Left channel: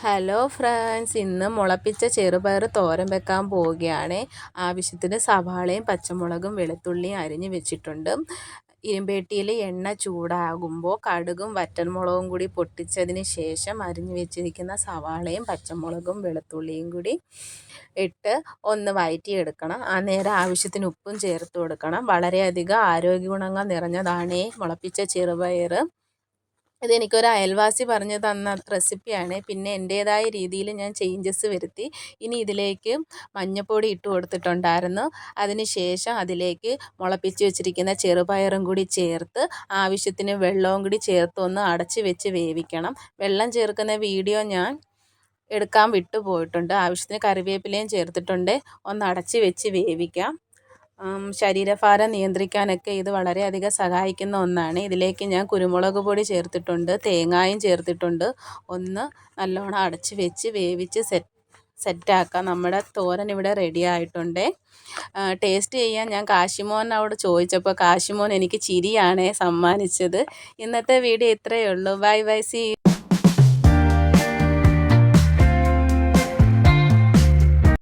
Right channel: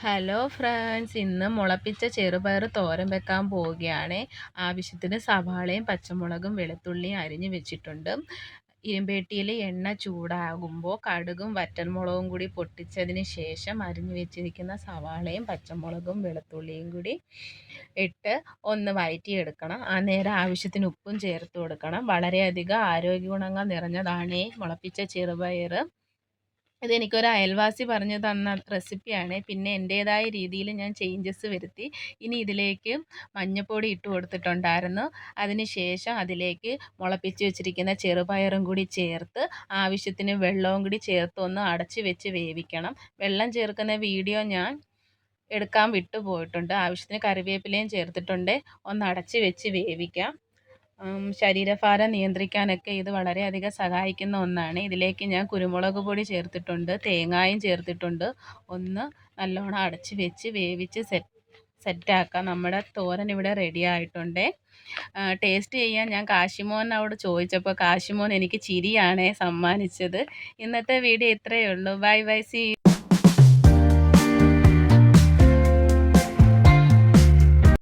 Hello friends ഇന്ന് മുളപ്പിച്ച ചെറുപയർ തോരൻ വെക്കാൻ പോവുകയാണ്. ആവശ്യത്തിന് സവാളയും പച്ചമുളകും വെളുത്തുള്ളിയും അരിഞ്ഞ് വെച്ചിട്ടുണ്ട്. ഇരുമ്പേട്ടിയിൽ എണ്ണ ചൂടാകുമ്പോൾ കടുകും വറ്റൽമുളകും കൂടി പൊട്ടിച്ചതിന് ശേഷം അരിഞ്ഞു വെച്ചിരിക്കുന്ന സവാളയും പച്ചമുളകും വെളുത്തുള്ളിയും കൂടി ഇട്ട് ഒന്ന് വയറ്റിയെടുക്കണം. ആ നേരം ആവശ്യത്തിന് ഉപ്പും ചേർത്ത് കൊടുക്കണം. വളരെയധികം ആരോഗ്യ ഗുണങ്ങൾ നിറഞ്ഞതാണ് മുളപ്പിച്ച ചെറുപയർ. ഇതെനിക്കൊരു അയൽവാസി പറഞ്ഞു തന്ന റെസിപ്പിയാണ്. പിന്നെ എന്റേതായ രീതിയിൽ ഞാൻ ചേഞ്ചസ് വരുത്തി. ഇനി ഇതിലേക്ക് മഞ്ഞപ്പൊടി ഇട്ട് കൊടുത്തിട്ടുണ്ടായിരുന്നു. അതിന് ശേഷം അതിലേക്ക് മുളപ്പിച്ച് വെച്ചിരിക്കുന്ന ചെറുപയറും കൂടി ചേർത്ത് ആവശ്യത്തിന് വെള്ളവും കൂടി ചേർത്ത് ഒന്ന് അടച്ച് വെച്ച് വേവിക്കണം. വെള്ളം ചേർക്കുന്ന വീഡിയോ ഞാൻ എടുക്കാൻ വിട്ടുപോയിട്ടുണ്ട്. ആവശ്യത്തിന് കറിവേപ്പിലയും ചേർത്തിട്ടുണ്ട്. ഒന്ന് അടച്ച് വെച്ച് വേവിക്കാം. ശരീരഭാരം നിയന്ത്രിക്കാനൊക്കെ ഇത് വളരെയധികം സഹായിക്കുന്ന ഒന്നാണ്. ഇതിലേക്ക് ഞാൻ കുരുമുളക് പൊടി ചേർത്തിട്ടുണ്ട് തേങ്ങായും ചേർത്തിട്ടുണ്ട്. ഒന്ന് നല്ലോണം അടച്ച് വെച്ച് വേവിച്ച് സെറ്റ് സെറ്റാക്കാം നമ്മുടെ തോരൻ ഇവിടെ റെഡി ആയിട്ടുണ്ട്. ടേസ്റ്റ് ചെയ്യാൻ ഞാൻ കാശിമോനോട് ചോദിച്ചപ്പോൾ കാശിമോൻ എനിക്ക് ചിരിയാണ് സമ്മാനിച്ചത്. ഇന്നത്തെ വീഡിയോ ഇത്രയേ ഉള്ളൂ. Bye bye C